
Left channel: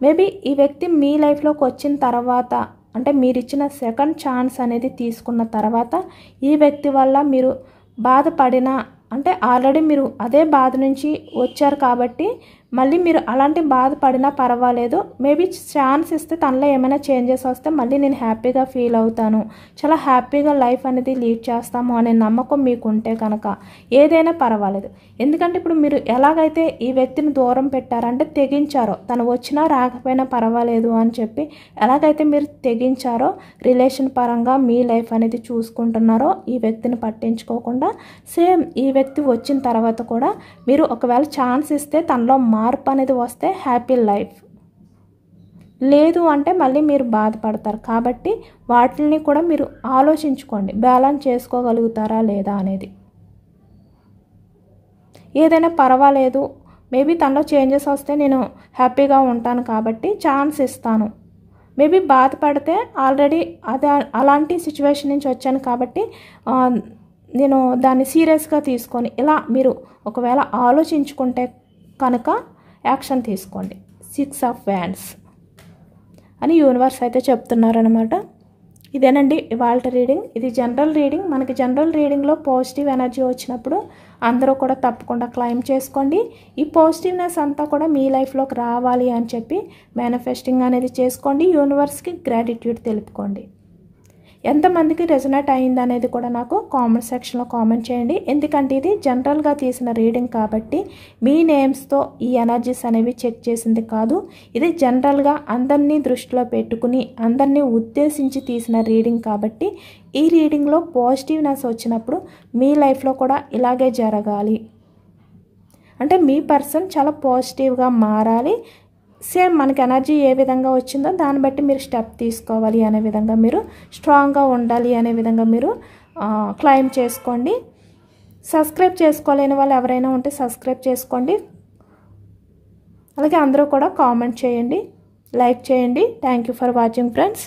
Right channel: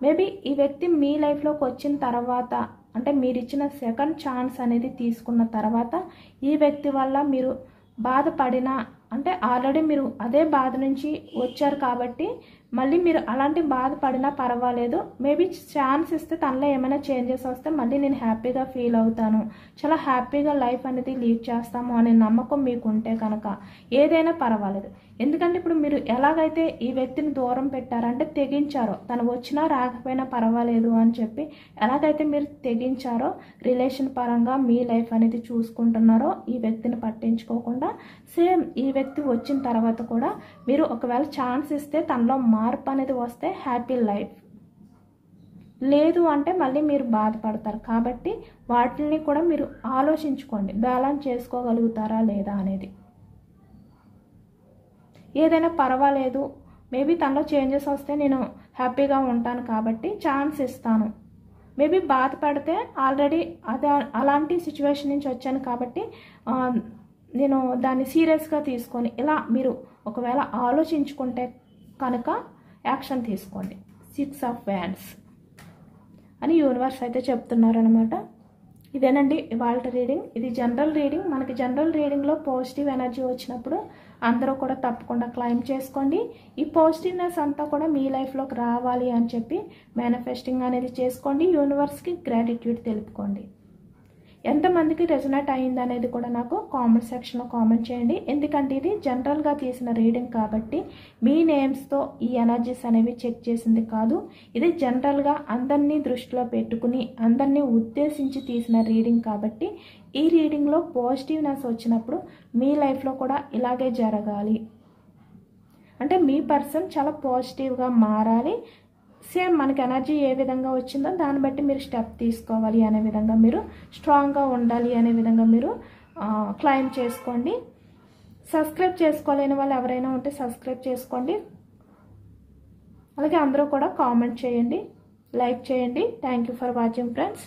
మేబీ ఈ వ్యక్తి మీ లైఫ్లోకి వచ్చిన తర్వాత అంటే మీరు ఇచ్చిన సెకండ్ ఛాన్స్ అనేది తీసుకున్న తర్వాత ఈ వ్యక్తి వల్ల మీరు బాధపడినా అంటే ఆల్రెడీ మీరు అదే బాధ నుంచి వచ్చారు కాబట్టి మళ్ళీ మీరు అలాంటి బాధపడినా పర్వాలేదు. మేబీ ఛాన్స్ ఇస్తే తనలో ఏమైనా చేంజెస్ వస్తే మళ్ళీ నేను హ్యాపీగా ఫీల్ అవుతాను, చాలా హ్యాపీగా లైఫ్ అనేది లీడ్ చేస్తాము అనే నమ్మకం మీకు ఉంటే కనుక ఏదైనా పర్వాలేదు. ఎందుకంటే ఇప్పుడు మీరు ఎలాగైతే ఈ వ్యక్తిని దూరం పెట్టారంటే తెగించారో, తను వచ్చినా రాకపోయినా పర్వాలేదు అని చెప్పి ఎలాగైతే మీరు తెగించారో రిలేషన్ పరంగా మీ లైఫ్ అనేది చూసుకుంటున్నారో ఈ వ్యక్తిని పట్టించుకోకుండా, సేమ్ ఈ వ్యక్తి వచ్చిన తర్వాత కూడా మీరు ఒకవేళ ఛాన్స్ ఇస్తే తనలో మార్పు అనేది వస్తే హ్యాపీ లైఫ్, లేదు అంటే మళ్ళీ మీరు బాధపడతారు. కాబట్టి వాటిని కూడా మీరు ఆలోచించుకోండి, బ్యాలెన్స్ చేసుకోగలుగుతారా లేదా అనేది. ఏదైనా పర్వాలేదు, మేబీ తనలో చేంజెస్ వస్తే నేను హ్యాపీగా ఉంటాను కాబట్టి ఛాన్స్ ఇస్తాను. మేబీ బాధపడితే ఆల్రెడీ అదే అలాంటి సిచ్యువేషన్ నుంచి వచ్చాను కాబట్టి నేను దాన్ని సీరియస్గా తీసుకొని ఇలా మీరు ఒకవేళ ఆలోచించుకుంటే కనుక యాక్షన్ తీసుకోండి. 6 ఆఫ్ వ్యాండ్స్ అని యూనివర్స్ అయితే చెప్తున్నారనమాట. ఇదేనండి ఇవాళ రీడింగ్. ఇది జనరల్ రీడింగ్. మనకి జనరల్ రీడింగ్లో పాజిటివ్ ఎనర్జీ వచ్చినప్పుడు అందరూ కూడా తప్పకుండా క్లైమ్ చేసుకోండి. ఈ పాజిటివ్నెస్ అంతా కూడా మీ లైఫ్లోకి రావాలి అని చెప్పి మేనిఫెస్టింగ్ అనేది చేసుకోండి. యూనివర్స్కి గ్రాటిట్యూడ్ తెలుపుకోండి. ఎంతమందికి రెజొనేట్ అయింది అనేది కూడా నాకు కామెంట్ సెక్షన్లో కామెంట్ చేయండి. ఎందుకంటే ఇది జనరల్గా తీసిన రీడింగ్ కాబట్టి మీ నేమ్స్తో ఈ ఎనర్జీస్ అనేవి చెక్ చేసింది కాదు. ఇది జనరల్గా అందరినీ దృష్టిలో పెట్టుకుని అందరినీ ఉద్దేశించి తీసిన రీడింగ్ కాబట్టి ఈ రీడింగ్లో పాజిటివ్నెస్ వచ్చినప్పుడు మీ లైఫ్లో కూడా ఇలాగే జరగాలి. అంటే మీ పర్సన్ చాలా పాజిటివ్గా మారాలి. సేమ్ మనకి ఎనర్జీ ఏ విధంగా వచ్చిందో దాన్ని బట్టి మీరు స్టెప్ తీసుకోవాలి అనే విధంగా, మీరు స్ట్రాంగ్గా ఉండాలి అనే విధంగా మీరు క్లైమ్ చేసుకోండి. సబ్స్క్రైబ్ చేసుకోలేని వాళ్ళు ఎవరైనా ఉంటే సబ్స్క్రైబ్ చేసుకోండి. అలాగే అందరూ కూడా కామెంట్ చేయండి, లైక్ చేయండి. Thank you for watching friends.